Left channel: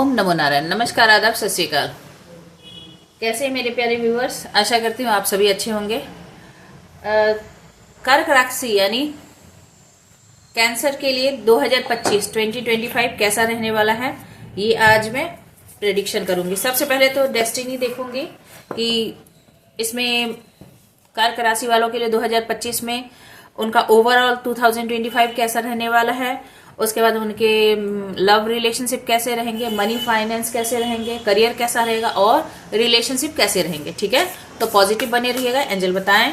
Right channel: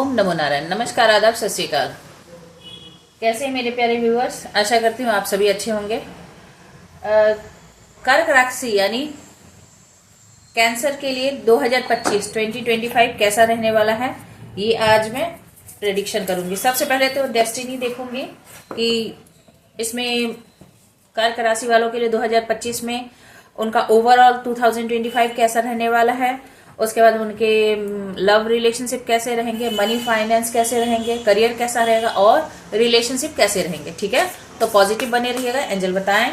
ओम नमो नारायण। नमस्कार, आदाब, सत श्री अकाल। कैसे हैं मेरे प्यारे व्यूअर्स? आशा करती हूँ आप सभी अच्छे होंगे। कर्क राशि यानी कैंसर के लिए 2025 कैसा रहने वाला है, ये आज मैं प्रेडिक्शन करूंगी। सबसे पहले तो डेस्टिनी देखूंगी कि इसमें कर्क राशि वालों के लिए 2025 में उनका ओवरऑल 2025 कैसा रहने वाला है। उसके बाद उनके लव रिलेशनशिप कैसे रहेंगे, मनी फाइनेंस कैसे रहेंगे, करियर कैसा रहेगा और रिलेशनशिप कैसे रहेंगे। ठीक है, तो पॉजिटिव बने रहिएगा। एंजल बताएं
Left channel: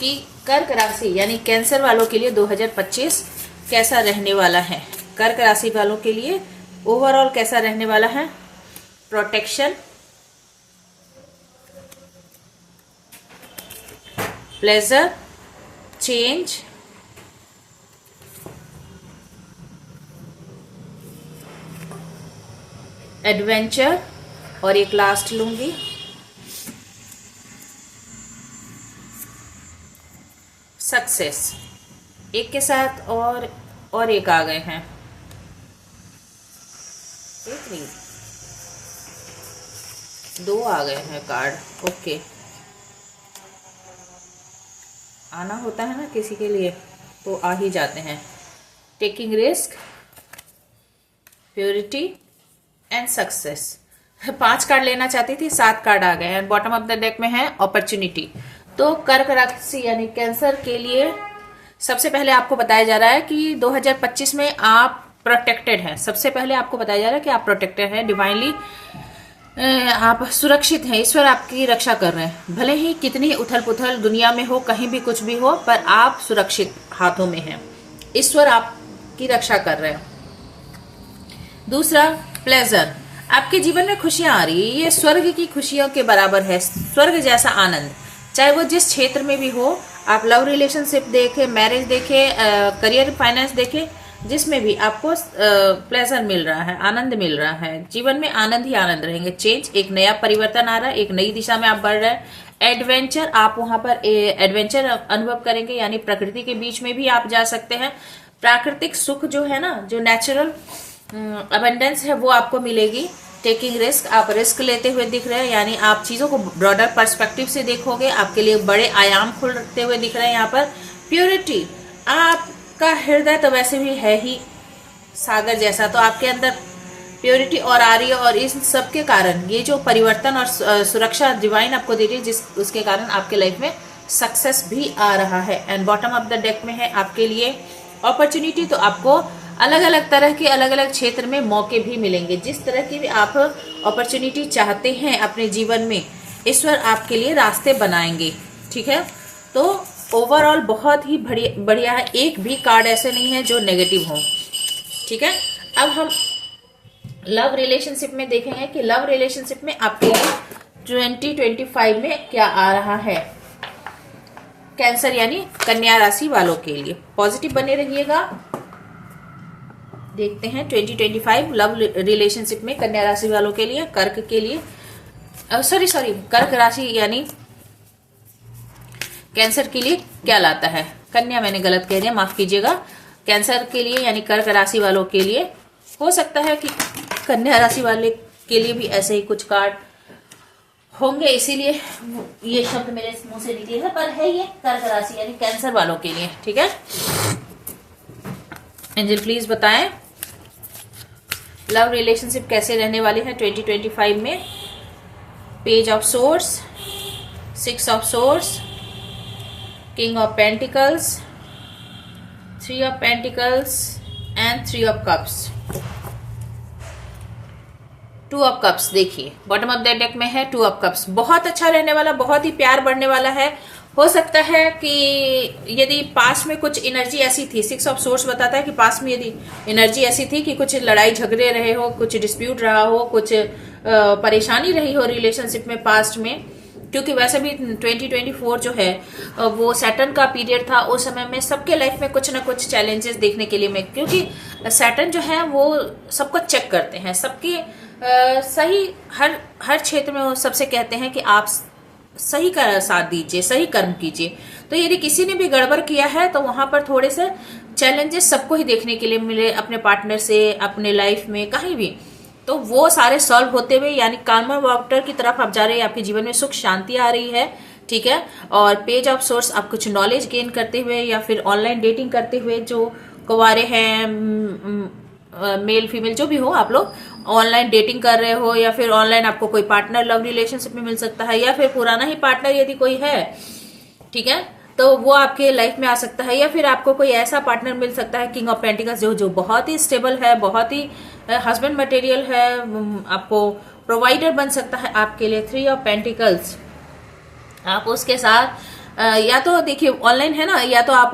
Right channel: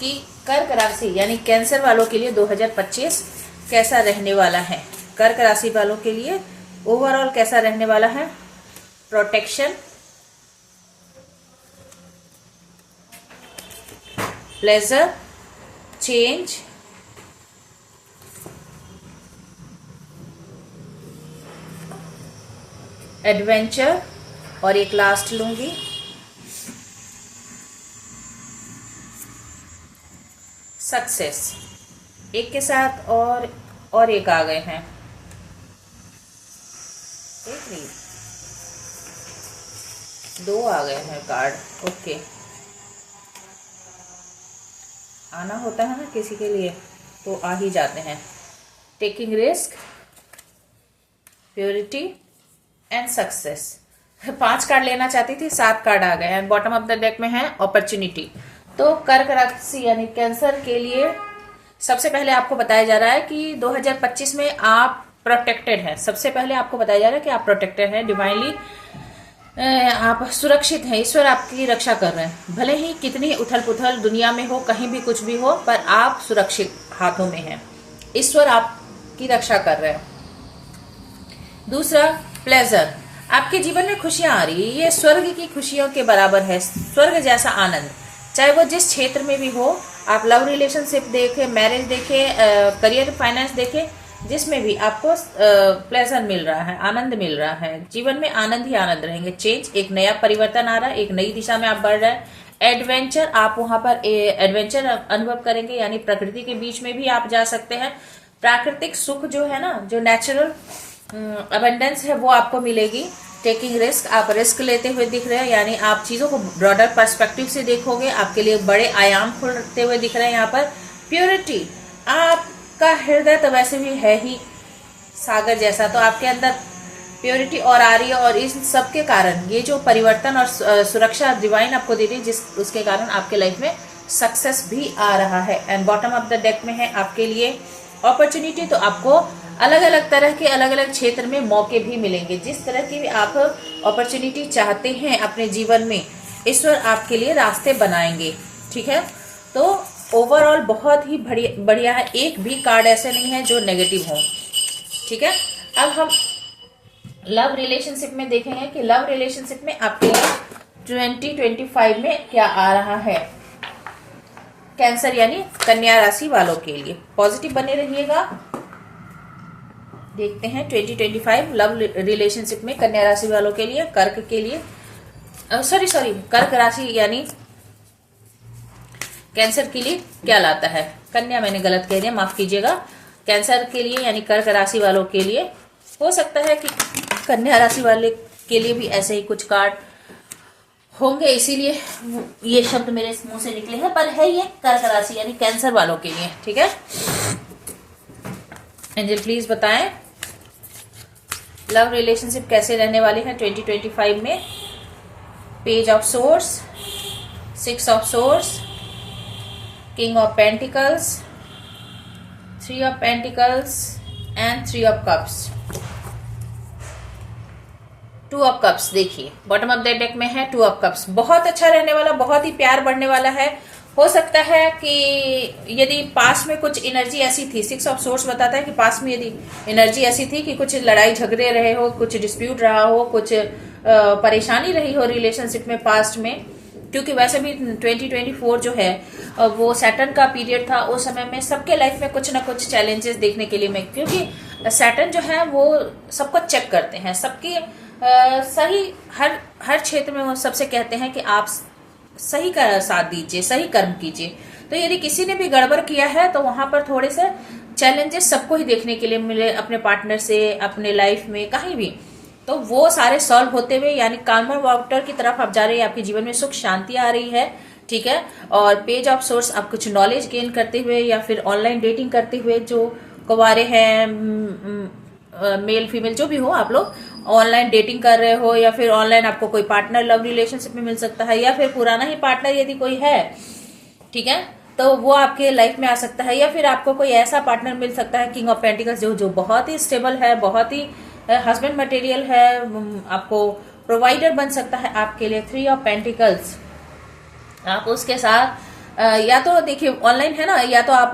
कि कर्क राशि यानी कैंसर वालों के लिए 2025 कैसा रहने वाला है। कर्क राशि वालों के लिए ओवरऑल कैसा रहने वाला है। प्रोटेक्शन, प्लेजर, चेंज, एडवेंचर और एक लास्ट लूंगी सक्सेस। एक के साथ और एक आ गए हैं, एक नहीं दो आ गए हैं कार्ड। ओके, आना होता है ना किसी के लिए तो आ ही जाते हैं। Taking risk, purity and success. 5 card लेना चाहती थी, 7 कार्ड आ गए हैं। बॉटम ऑफ द डेक में है अपॉर्चुनिटी। तो कर्क राशि यानी कैंसर के लिए सबसे पहले आपको बताया जा रहा है कि 2025 में आप प्रोटेक्टेड हैं। सबसे पहले आपको बताया जा रहा है कि आप प्रोटेक्टेड हैं, डिवाइनली आप सुरक्षित हैं। ईश्वर आपकी रक्षा कर रहे हैं। भले ही कितनी उथल पुथल दुनिया में हो, कहीं भी कुछ भी हो, पर आप सुरक्षित हाथों में हैं। ईश्वर आपकी रक्षा कर रहे हैं। दूसरा, प्लेजर। आपके जीवन में खुशियां आ रही है, ये स्वर्ग की खुशियों के बराबर है। स्वर्ग जैसा आनंद, चाहे वो जिस क्षेत्र में भी हो। आप लव रिलेशनशिप देखें, मैरिज देखें, करियर फाइनेंस देखें, जिसमें भी आपको प्लेजर मिल रहा है, आनंद मिल रहा है। जीवन में आनंद ही आनंद रहेंगे। चेंज, एक नया परिवर्तन आ रहा है, एक नई दिशा में आप बढ़ रहे हैं। एडवेंचर, आप वहां पर एडवेंचर अनुभव करेंगे, यानी प्रकृति के बीच में भी आप जा सकते हैं। प्राकृतिक सुख जो है ना, जो नेचुरल अबंडेंस है, वो आपको मिलेगी। टेकिंग रिस्क, आप रिस्क लेते हुए दिख रहे हैं, यानी आप चीजों को ब्रॉडर पर्सपेक्टिव से देखोगे। आपके लिए बड़े आयाम खुलते हुए दिख रहे हैं यहाँ पर। प्योरिटी, आपका हृदय तो वैसे भी है ही सागर जैसा, तो आपके अंदर प्योरिटी और आ रही है। और इस सब के कारण ये जो परिवर्तन और सुरक्षा डिवाइन आपको दे रही है, उसके कारण आपके लाइफ में सक्सेस भी आ रहा है। And bottom of the deck में है आपके लिए अपॉर्चुनिटी। तो आपको अलग अलग तरह के अलग अलग क्षेत्र में मौके भी मिलेंगे। जिस तरह की भी आप अपॉर्चुनिटी चाहते हैं अपने जीवन में, ईश्वर आपके लिए रास्ते बनाएंगे। ठीक है, तो ओवरऑल बहुत ही बढ़िया है। एक भी कार्ड ऐसे नहीं है जो नेगेटिव हो। ठीक है, अब हम लव रिलेशनशिप में देखेंगे कि लव रिलेशनशिप में आपके लिए 2025 में क्या आ रहा है। कैंसर यानी कन्या राशि वालों के लिए पॉजिटिव बने रहिएगा। देखते हैं 2025 लव रिलेशनशिप में कन्या राशि वालों के लिए, कर्क के लिए, कर्क राशि यानी कैंसर के लिए क्या लाता है। कन्या मैंने गलत कह दिया, माफ कीजिएगा। कैंसर के लिए यानी कर्क राशि वालों के लिए हो सकता है कि कन्या राशि वाले के लिए भी ऐसे ही कुछ कार्ड होंगे, इसीलिए ये शब्द मेरे मुंह से निकले हैं, पर है ये कर्क राशि यानी कैंसर वालों के लिए। ठीक है, एंजल प्लीज बताएं लव रिलेशनशिप कैसे रहने वाले हैं 2025 में। Page of source, 6 of source, king of pentacles, 3 of pentacles and 3 of cups, 2 of cups. देखिए बॉटम ऑफ द डेक में है 2 ऑफ कप्स। बहुत अच्छा रहने वाला, बहुत ही प्यार बढ़ने वाला है। हो सकता है कि यदि पास में कुछ एनर्जी ऐसी थी, 6 ऑफ सोर्स बताता है कि पास में यदि एनर्जी ऐसी थी कि कुछ लड़ाई झगड़े रहे हो, कुछ डिस्प्यूट रहा हो, कुछ परेशानी रही हो रिलेशनशिप में पास्ट में, क्योंकि वैसे भी 2024 जो है वो सैटर्न का पीरियड था। उस समय में सबके लाइफ में कुछ ना कुछ चैलेंजेस देखने के लिए मैं, क्योंकि सैटर्न जो है वो सबको चेक करते हैं, सबके सही हर क्षेत्र में वो सबसे कहते हैं कि आप सही का साथ दीजिए, सही कर्म कीजिए। तो यदि किसी ने भी गड़बड़ किया है तो वहां पर थोड़े से चैलेंजेस सबको ही देखने के लिए मिले, अपने पार्टनर से, अपने लाइफ में, कहीं भी। तो वो सारे सॉल्व होते हुए यानी कामन वाटर की तरफ आप जा रहे हैं, आपके जीवन में सुख शांति आ रही है, ठीक है। और पेज ऑफ सोर्स आप कुछ नॉलेज गेन करते हुए या फिर ऑनलाइन डेटिंग करते हुए, जो कुंवारे हैं, मेल फीमेल जो भी हो, आप लोग ऑनलाइन डेटिंग कर रहे हो या फिर ऑनलाइन आपको कोई पार्टनर लव रिलेशनशिप में मिल सकता है, या फिर पुराना ही पार्टनर यदि कोई है, ठीक है, तो वो आपके लाइफ में आ सकता है, या फिर आपको कोई ऐसा पार्टनर मिल सकता है किंग ऑफ पेंटिकल्स जो बहुत ही स्टेबल है, बहुत ही हस्बैंड मटेरियल है, आपको प्रोवाइडर बन सकता है आपके लिए। 3 ऑफ पेंटिकल्स, आप उसके साथ या तो देखिए ऑनलाइन है ना, या तो आप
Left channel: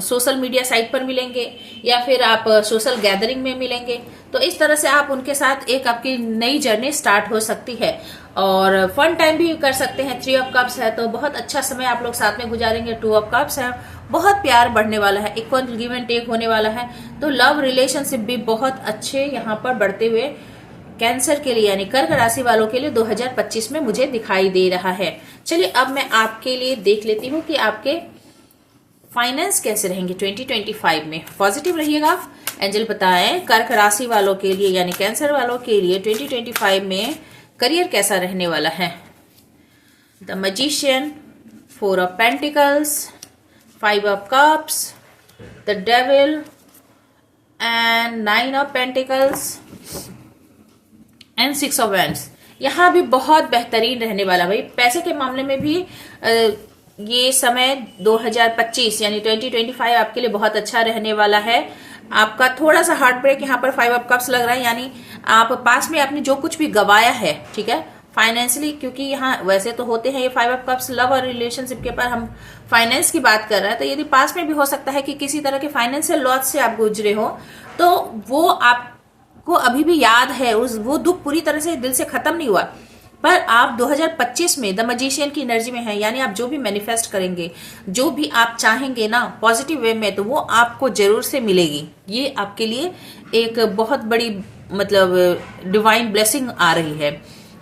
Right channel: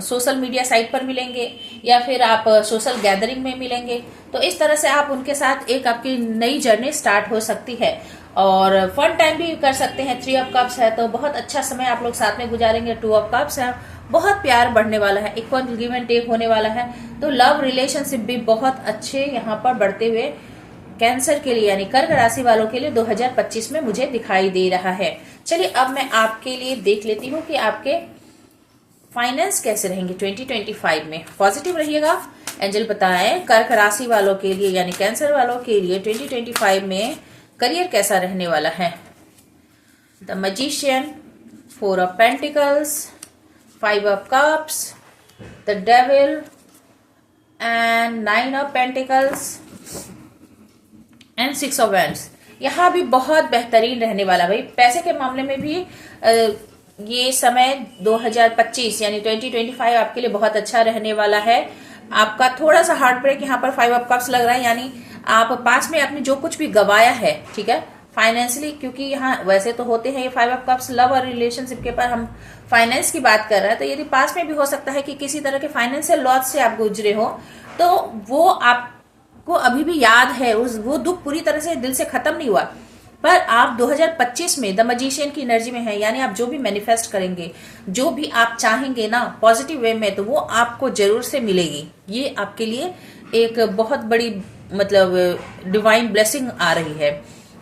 सोशल मीडिया साइट पर मिलेंगे या फिर आप सोशल गैदरिंग में मिलेंगे, तो इस तरह से आप उनके साथ एक आपकी नई जर्नी स्टार्ट हो सकती है। और फन टाइम भी कर सकते हैं। 3 ऑफ कप्स है तो बहुत अच्छा समय आप लोग साथ में गुजारेंगे। 2 ऑफ कप्स है, बहुत प्यार बढ़ने वाला है, इक्वल गिव एंड टेक होने वाला है, तो लव रिलेशनशिप भी बहुत अच्छे यहाँ पर बढ़ते हुए कैंसर के लिए यानी कर्क राशि वालों के लिए 2025 में मुझे दिखाई दे रहा है। चलिए अब मैं आपके लिए देख लेती हूँ कि आपके फाइनेंस कैसे रहेंगे 2025 में। पॉजिटिव रहिएगा। एंजल बताएं कर्क राशि वालों के लिए यानी कैंसर वालों के लिए 2025 में करियर कैसा रहने वाला है। The magician, 4 of pentacles, 5 of cups, the devil and 9 of pentacles and 6 of wands. यहाँ भी बहुत बेहतरीन रहने वाला भाई। पैसे के मामले में भी ये समय 2025 यानी 2025 आपके लिए बहुत अच्छा रहने वाला है। आपका थोड़ा सा हार्ट ब्रेक यहाँ पर 5 ऑफ कप्स लग रहा है, यानी आप पास में आपने जो कुछ भी गवाया है, ठीक है, फाइनेंशियली, क्योंकि यहाँ वैसे तो होते हैं ये 5 ऑफ कप्स लव और रिलेशनशिप के पर हम फाइनेंस की बात कर रहे हैं, तो यदि पास में भी हो सकता है कि किसी तरह के फाइनेंशियल लॉस से आप गुजरे हो, तो वो आपको अभी भी याद है, वो दुख पूरी तरह से दिल से खत्म नहीं हुआ, पर आप 2025 में द मैजिशियन की एनर्जी में है, यानी आप जो भी मैनिफेस्ट करेंगे, जो भी आप चाहेंगे ना पॉजिटिव वे में, तो वो आपको जरूर से मिलेगी। ये आपके लिए एक बहुत बड़ी मतलब डिवाइन ब्लेसिंग आ रही है।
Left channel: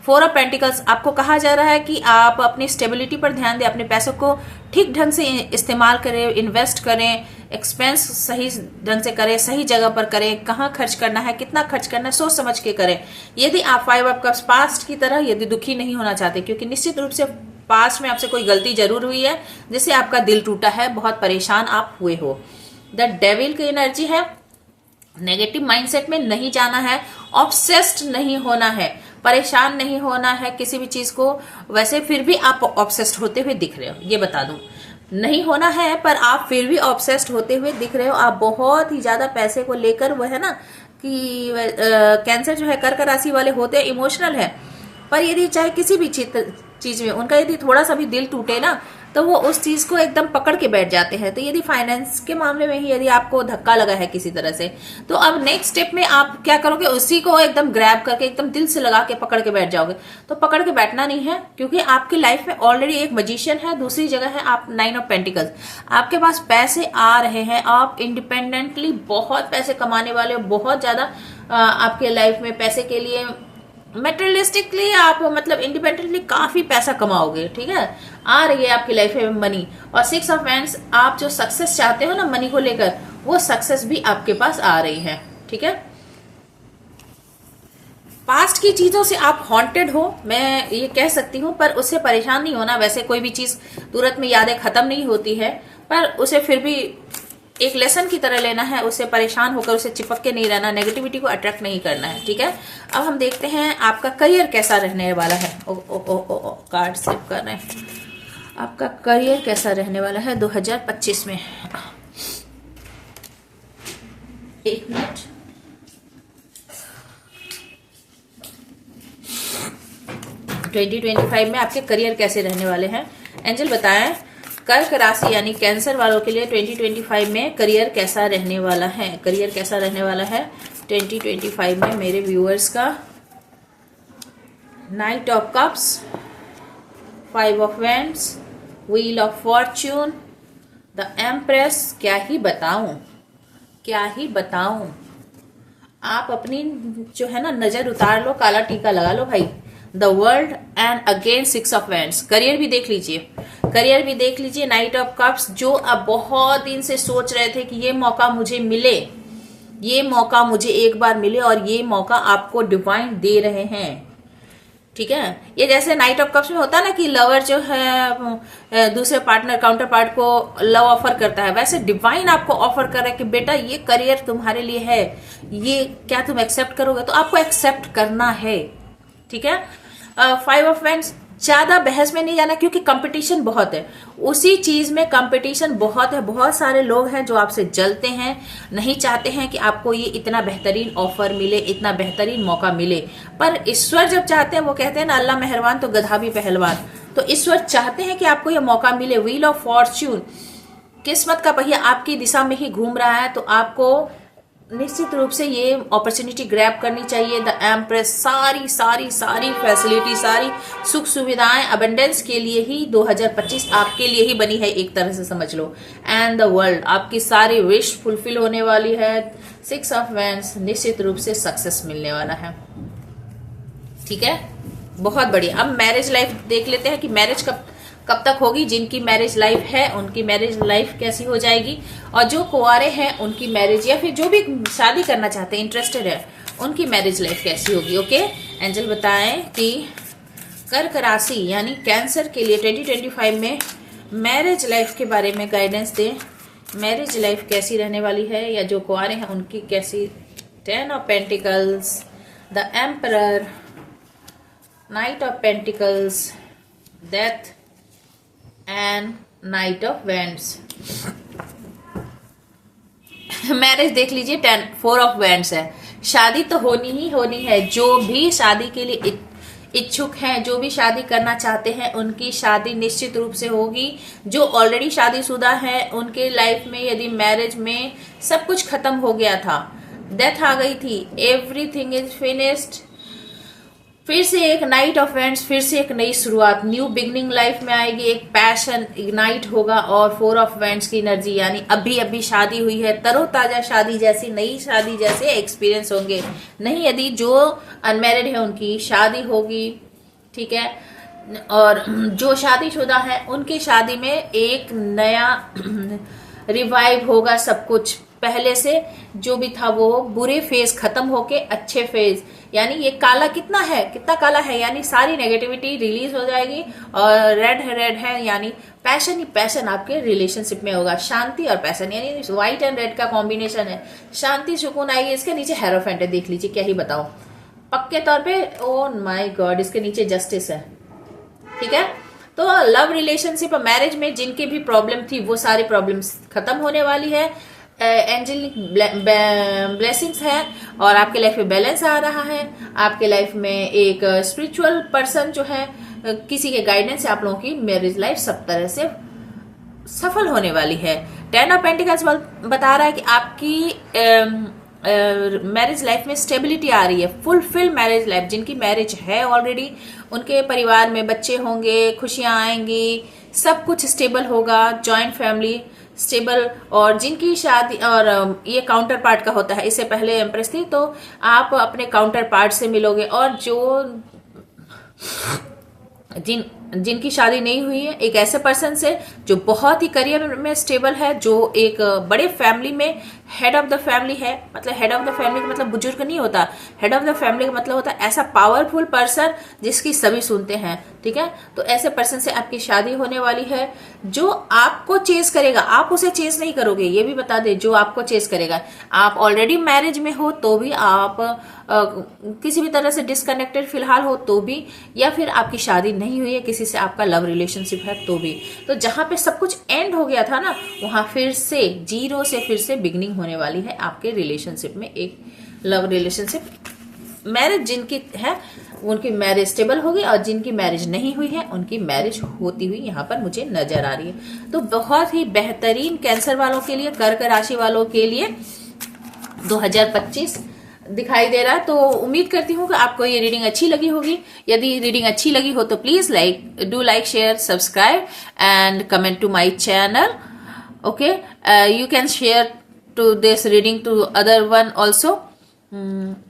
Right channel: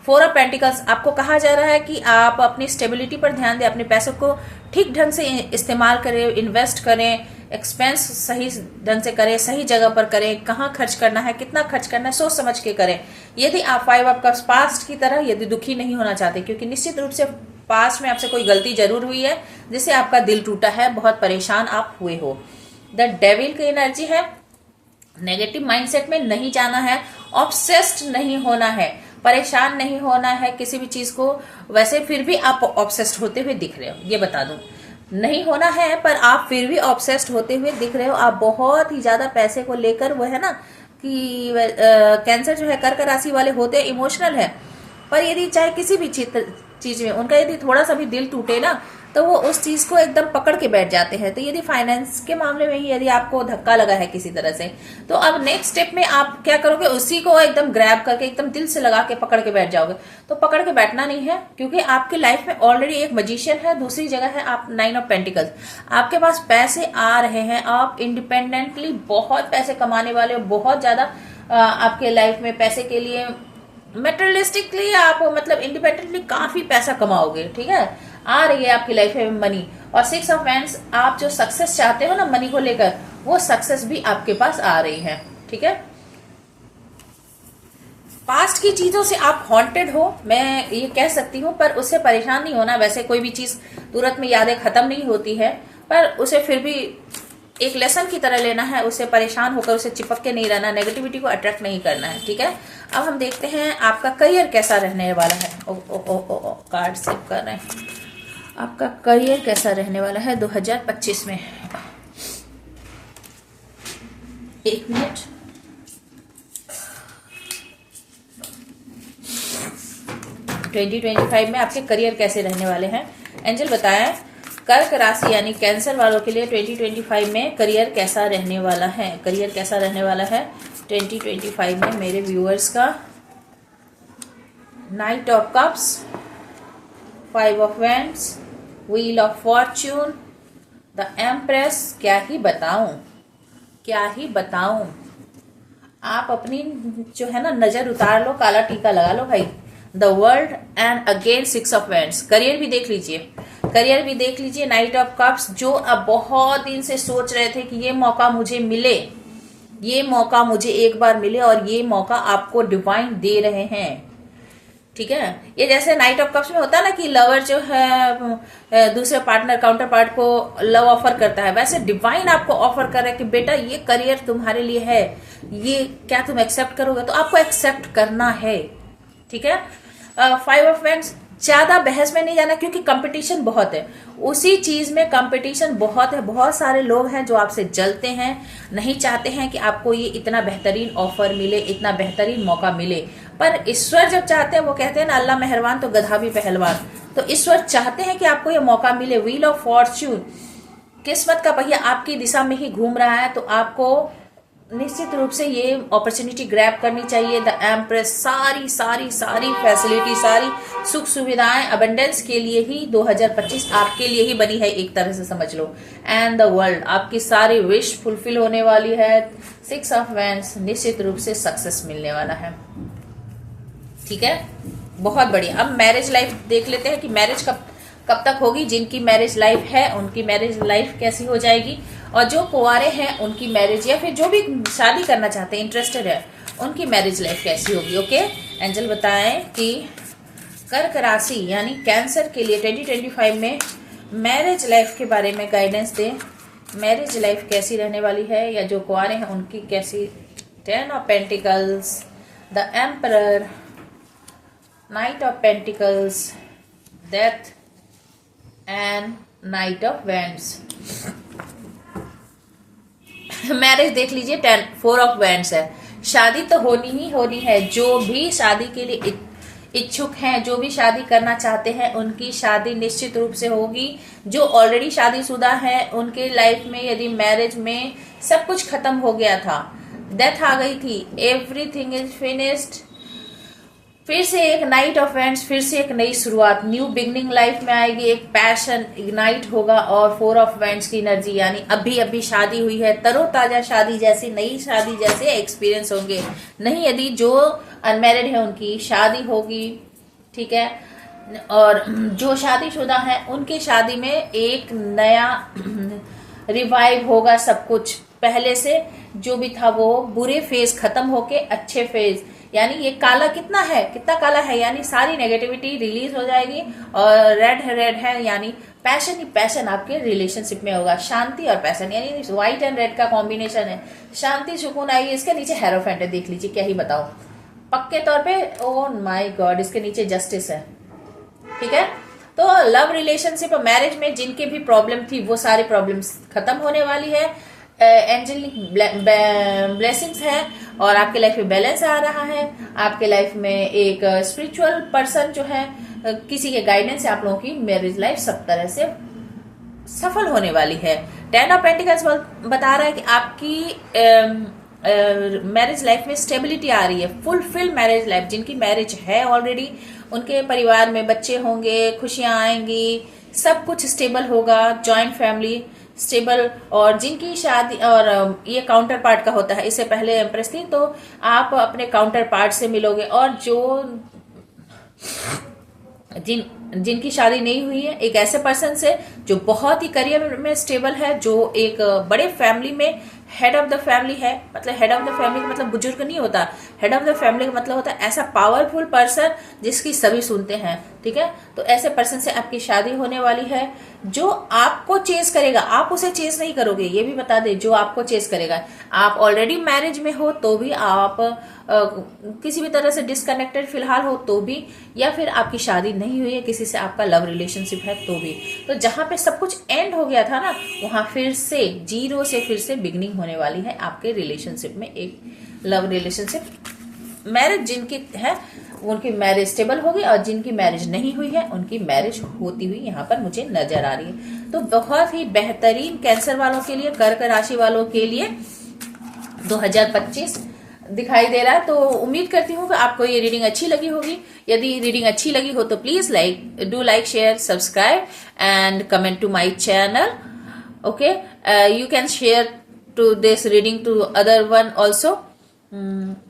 4 ऑफ पेंटिकल्स, आपको कहा जा रहा है कि आप अपनी स्टेबिलिटी पर ध्यान दें, अपने पैसों को ठीक ढंग से इस्तेमाल करें, इन्वेस्ट करें, एक्सपेंस सही ढंग से करें, सही जगह पर करें, कहाँ खर्च करना है, कितना खर्च करना है, सोच समझ के करें। यदि आप 5 ऑफ कप्स पास्ट की तरह यदि दुखी नहीं होना चाहते, क्योंकि निश्चित रूप से पास्ट में आपसे कोई गलती जरूर हुई है जिससे आपका दिल टूटा है, बहुत परेशान आप हुए हो। द डेविल की एनर्जी है, नेगेटिव माइंडसेट में नहीं जाना है, ऑब्सेस्ड नहीं होना है, परेशान नहीं होना है किसी भी चीज को। वैसे फिर भी आप ऑब्सेस्ड होते हुए दिख रहे हो, ये बता दूं, नहीं होना है, पर आप फिर भी ऑब्सेस्ड होते हुए दिख रहे हो। आप बहुत ही ज्यादा पैसे को लेकर, वो है ना कि कैंसर जो है कर्क राशि वाले होते हैं इमोशनल है, पर यदि चाहे किसी भी चीज में उनका यदि थोड़ा सा भी दिल टूटे ना, तो वो उस चीज को एकदम पकड़ के बैठ जाते हैं। तो यदि फाइनेंस के मामले में ही यदि आपको धक्का लगा है किसी तरह से, तो अब नेक्स्ट स्टेप में आप क्या करोगे, उसी को एकदम ग्रैब करके एकदम दिल से लगा के पकड़ के बैठ जाओगे। तो पकड़ के बैठना नहीं है, क्योंकि आपकी लाइफ में ऑलरेडी एक मैजिशियन है, दूसरी जगह है आप 9 ऑफ पेंटिकल्स, आपके पास पैसे आ रहे हैं, आप इंडिपेंडेंटली बहुत पैसे कमाने वाले हो, बहुत ज्यादा आपके लाइफ में पैसे के लिए मेटेरियलिस्टिकली आप मतलब इंडिपेंडेंटली काफी पैसा कमाओगे, ठीक है, आ रही है आपकी लाइफ में मनी। और 6 ऑफ वैंड्स, आप जो सक्सेस चाहते हो ना मनी को लेकर, वो सक्सेस भी आपके पास आ रही है, ठीक है। पास्ट की चीजों से आप हॉन्टेड हो, मैं ये कह सकती हूँ, पर उससे परेशान नहीं होना। वैसे कोई भी चीज तुरंत में यादें खत्म नहीं होती है, पर उसे फिर भी एक लेसन की तरह लेना है, उससे परेशान होकर उसे चिपक के नहीं रहना, नेगेटिविटी को अट्रैक्ट नहीं करना है, ठीक है। अब हम देखते हैं आपका करियर कैसा रहने वाला है। कार्ड सेव कर रहे हैं। आपका करियर कैसा रहने वाला है 2025 में। एक मिनट। ट्वेंटी 25 में आपके करियर कैसे रहने वाले हैं, एंजल बताएं। कर्क राशि यानी कैंसर वालों के लिए 2025 में करियर कैसा रहने वाला है। करियर कैसा रहने वाला है 2025 में मेरे व्यूअर्स का। 9 of cups, 5 of wands, wheel of Fortune, the empress. क्या ही बताऊं, क्या ही बताऊं। आप अपनी जो है ना नजर उतार लो, काला टीका लगा लो भाई। The world and again 6 of wands. Career भी देख लीजिए, करियर भी देख लीजिए। 9 ऑफ कप्स, जो अब बहुत दिन से सोच रहे थे कि ये मौका मुझे मिले, ये मौका मुझे एक बार मिले और ये मौका आपको डिवाइन दे रहे हैं। ठीक है, ये जैसे नाइट ऑफ कप्स में होता है ना कि लवर जो है दूसरे पार्टनर काउंटर पार्ट को लव ऑफर करता है, वैसे डिवाइन आपको ऑफर कर रहा है कि बेटा ये करियर तुम्हारे लिए है, ये क्या तुम एक्सेप्ट करोगे? तो आपको एक्सेप्ट करना है। ठीक है, 5 ऑफ वैंड्स, ज्यादा बहस में नहीं जाना क्योंकि कंपटीशन बहुत है, उसी चीज में कंपटीशन बहुत है। बहुत सारे लोग हैं जो आपसे जलते हैं, नहीं चाहते हैं कि आपको ये इतना बेहतरीन ऑफर मिले, इतना बेहतरीन मौका मिले। पर ईश्वर जब चाहते हैं, वो कहते हैं ना अल्लाह मेहरबान तो गधा भी पहलवान, तो ईश्वर चाहते हैं कि आपको ये मौका मिले। व्हील ऑफ फॉर्च्यून, किस्मत का पहिया आपकी दिशा में ही घूम रहा है, तो आपको निश्चित रूप से ये अपॉर्चुनिटी ग्रैब करनी चाहिए। द एम्प्रेस, सारी सारी सारी फैसिलिटी, सारी सुख सुविधाएं अबंडेंस के लिए ही 2025 आपके लिए ही बनी है, एक तरह से समझ लो। एंड द वर्ल्ड, आपकी सारी विश फुलफिल होने वाली है। 6 ऑफ वैंड्स, निश्चित रूप से सक्सेस मिलने वाला है। ठीक है, बहुत बढ़िया। अब मैरिज लाइफ देख लेते हैं कि मैरिज कब तक होगी। जिनकी मैरिज लाइफ है उनकी मैरिज लाइफ कैसी हो जाएगी, और जो कुंवारे हैं उनकी मैरिज, या फिर जो भी शादी करना चाहते हैं, इंटरेस्टेड है, उनकी मैरिज लाइफ कैसी होगी। ओके, एंजल बताएं कि कर्क राशि यानी कैंसर के लिए 2025 में मैरिज लाइफ के बारे में गाइडेंस दें। मैरिज लाइफ कैसी रहने वाली है, या जो कुंवारे हैं उनकी कैसी। 10 of pentacles, the emperor, night of pentacles, death and night of wands. Marriage देख लीजिए, 4 ऑफ वैंड्स है। शादी तो होनी ही होनी है। जो भी शादी के लिए इच्छुक हैं, जो भी शादी करना चाहते हैं, उनकी शादी निश्चित रूप से होगी। जो ऑलरेडी शादीशुदा है उनके लाइफ में यदि मैरिज में सब कुछ खत्म हो गया था, डेथ आ गई थी, एवरीथिंग इज फिनिश्ड, फिर से एक नाइट ऑफ वैंड्स, फिर से एक नई शुरुआत, न्यू बिगनिंग लाइफ में आएगी। एक पैशन इग्नाइट होगा। और 4 ऑफ वैंड्स की एनर्जी यानी अभी अभी शादी हुई है, तरोताजा शादी जैसी, नई शादी जैसे एक्सपीरियंस होंगे। नहीं, यदि जो अनमैरिड है उनकी शादी होगी। ठीक है, और जो शादीशुदा है उनकी शादी में एक नया रिवाइव होगा। सब कुछ पहले से जो भी था वो बुरे फेज खत्म होके अच्छे फेज, यानी ये काला कितना है, कितना काला है, यानी सारी नेगेटिविटी रिलीज हो जाएगी। और रेड है यानी पैशन ही पैशन आपके रिलेशनशिप में होगा। शांति और पैशन यानी व्हाइट एंड रेड का कॉम्बिनेशन है। शांति सुकून आएगी। इसके नीचे हेरोफेंट है, देख लीजिए क्या ही बताओ पक्के तौर पे। ओ माय गॉड, इसके नीचे जस्टिस है। ठीक है, तो लव रिलेशनशिप और मैरिज में जिनके भी प्रॉब्लम थी वो सारी प्रॉब्लम्स खत्म होने वाली है। एंजेलिक ब्लेसिंग्स है और आपके लाइफ में बैलेंस आ रहा है। आपके लाइफ में एक स्पिरिचुअल पर्सन जो है, किसी के गाइडेंस से आप लोगों की मैरिज लाइफ सब तरह से सफल होने वाली है। 10 ऑफ पेंटिकल्स बता रहा है कि आपकी मैरिज लाइफ में स्टेबिलिटी आ रही है, फुलफिल मैरिज लाइफ। जिनकी मैरिज है ऑलरेडी उनके परिवार में बच्चे होंगे, खुशियां आएंगी, सब कुछ स्टेबल होगा, जॉइंट फैमिली स्टेबल। और जिनकी शादी, और ये काउंटर पार्ट का होता है, इससे पहले एम्प्रेस थी, तो आप अपने काउंटर पार्ट से मिलोगे। और जो जिनकी शादी नहीं हुई है, एक ऐसे पर्सन से जो बहुत ही करियर में स्टेबल है, जो एक बड़े फैमिली में हेड ऑफ द फैमिली है। मतलब हेड ऑफ द फैमिली का मतलब बुजुर्ग नहीं होता, हेड ऑफ द फैमिली का मतलब होता है ऐसा पावरफुल पर्सन जिसकी सभी सुनते हैं। ठीक है, तो ऐसे पर्सन से आपकी शादी होने वाली है जो आपको चेज करेगा, आप उसे चेज नहीं करोगे, ये भी बता दे। जो आपको चेज करेगा, आप ऑलरेडी मैरिज में हो तो भी, आप किसी भी तरह से डिस्कनेक्टेड फिलहाल हो तो भी, या फिर आपकी शादी नहीं हुई है, किसी से आपका लव रिलेशनशिप है तो भी। तो जहां पे सब कुछ एंड हो गया था ना, वहां फिर से जीरो से फिर से बिगनिंग होने वाली है आपके रिलेशनशिप में। एक लव रिलेशनशिप, मैरिज जिनकी है उनकी मैरिज स्टेबल होगी, और जिनकी मैरिज नहीं हुई है उनकी मैरिज होती हुई यहाँ पर मुझे नजर आ रही है। तो बहुत ही बेहतरीन कैंसर वालों के लिए, कर्क राशि वालों के लिए 2025 दिखाई दे रहा है। तो उम्मीद करती हूँ कि आपको ये रीडिंग अच्छी लगी होगी। यदि रीडिंग अच्छी लगी हो तो please like share subscribe and comment to my channel. Okay, you can share to this reading to other one also.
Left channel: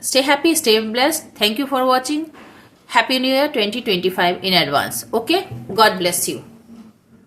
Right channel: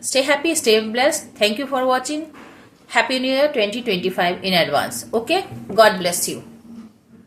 Stay happy, stay blessed. Thank you for watching. Happy New Year 2025 in advance. Okay, God bless you.